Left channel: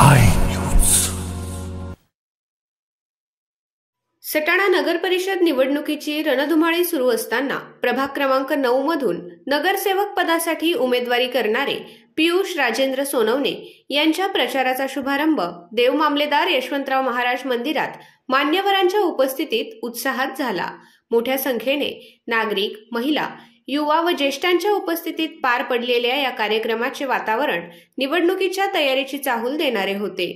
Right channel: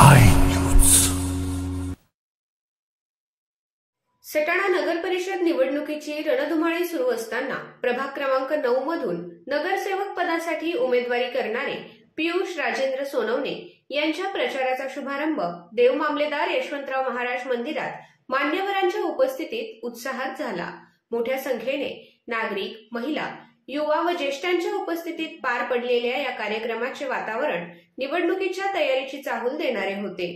I news. Satana नगर परिषद निवडणुकीची रणधुमाळी सुरू असताना प्रभाग क्रमांक 9 मधून नगरसेवक पदासाठी उमेदवारी करणारे पियुष राजेंद्र सोनवणे यांच्या प्रचाराचा शुभारंभ देव मामलेदार यशवंतराव महाराज मंदिरात मान्यवरांच्या उपस्थितीत उत्साहात झाला। मोठ्या संख्येने नागरिक, महिला, युवा व ज्येष्ठांच्या उपस्थितीत पार पडलेल्या या कार्यक्रमाचे वातावरण निवडणुकीच्या तयारीची चाहूल देणारे होते।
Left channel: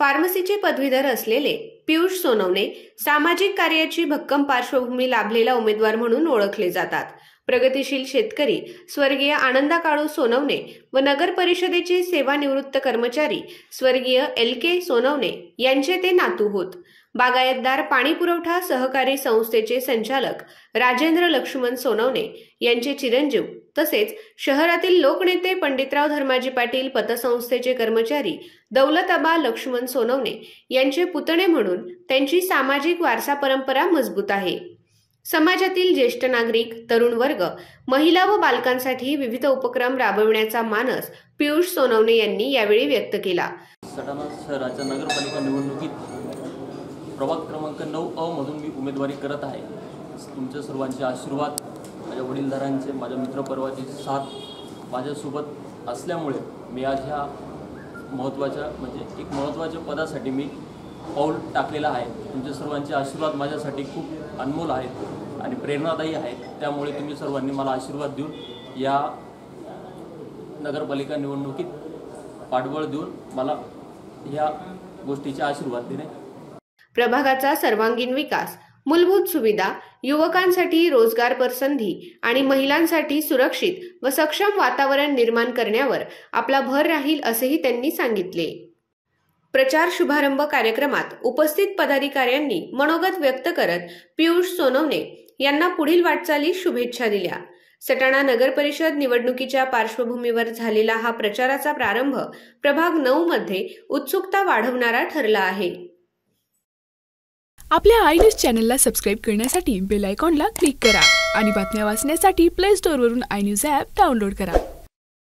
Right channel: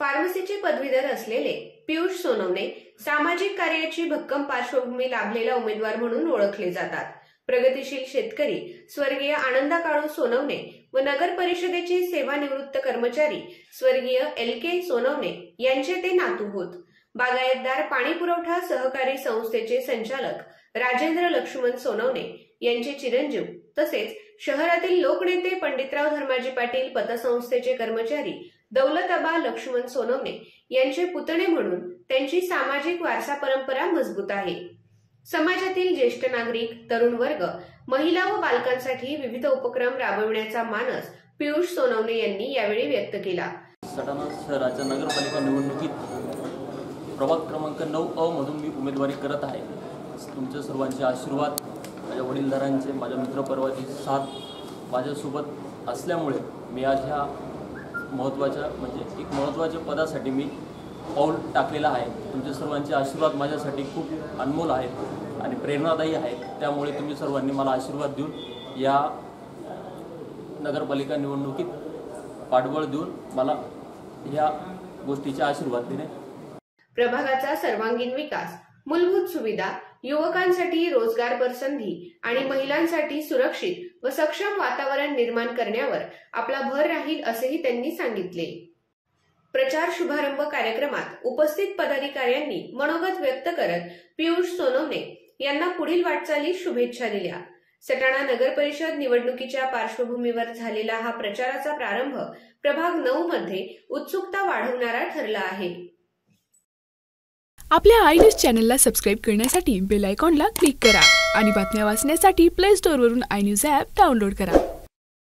फार्मसीचे पदवीधर असलेले पियुष सोनवणे सामाजिक कार्याची भक्कम पार्श्वभूमी लाभलेला उमेदवार म्हणून ओळखले जातात। प्रगतिशील शेतकरी स्वर्गीय आनंदा काळू सोनवणे व नगर परिषदेचे सेवानिवृत्त कर्मचारी स्वर्गीय LK सोनवणे यांचे ते नातू होत। बागायतदार पाणी पुरवठा सहकारी संस्थेचे संचालक राजेंद्र लक्ष्मण सोनवणे यांचे चिरंजीव तसेच शहरातील लोकनेते पंडितराव धर्माजी पाटील पतसंस्थेचे कर्मचारी दौलताबा लक्ष्मण सोनवणे यांचे पुतणे म्हणून त्यांची सामाजिक वारसा परंपरा मजबूत आहे। समाजातील ज्येष्ठ नागरिक, तरुण वर्ग, महिला व बालकांसाठी विविध उपक्रम राबविण्याचा मानस पियुष सोनवणे यांनी यावेळी व्यक्त केला। सटाणा शहराच्या नगरपालिका निवडणुकीत प्रभाग क्रमांक 9 मधून मी उमेदवारी करत आहे। तुमच्या सर्वांचे आशीर्वाद, माझ्या वडीलधारांचे, माझ्या मित्रपरिवाराची साथ माझ्यासोबत असल्यामुळे मी आज ह्या महत्त्वाच्या पदासाठी मी पाऊल टाकलेला आहे। तुमच्या सर्वांचे आशीर्वाद माझ्यासाठी खूप अनमोल आहेत आणि प्रेरणादायी आहेत। त्यामुळे तुम्ही सर्वांनी मला आशीर्वाद देऊन या नगरपालिका निवडणुकीत पाठबळ देऊन मला या गोष्टीचा आशीर्वाद देणे। प्रभागाचा सर्वांगीण विकास, मूलभूत सुविधा, युवकांसाठी रोजगार संधी आणि महिलांसाठी सुरक्षित व सक्षम वातावरण निर्माण करण्यावर आपला भर राहील असेही त्यांनी सांगितले। प्रचार शुभारंभ कार्यक्रमात उपस्थित पदाधिकाऱ्यांनी मनोगत व्यक्त करत पियुष सोनवणे यांना पुढील वाटचालीस शुभेच्छा दिल्या। सटाणा नगर परिषद निवडणुकीच्या पार्श्वभूमीवर झालेला हा प्रचाराचा प्रारंभ प्रभाग 9 मध्ये उत्सुकता वाढवणारा ठरला आहे। आपल्या आय न्यूज चॅनलला सबस्क्राइब करण्यासाठी बेल आयकॉनला क्लिक करा आणि बातम्या वाचण्यासाठी प्ले स्टोअरवरून आय न्यूज ॲप डाउनलोड करा।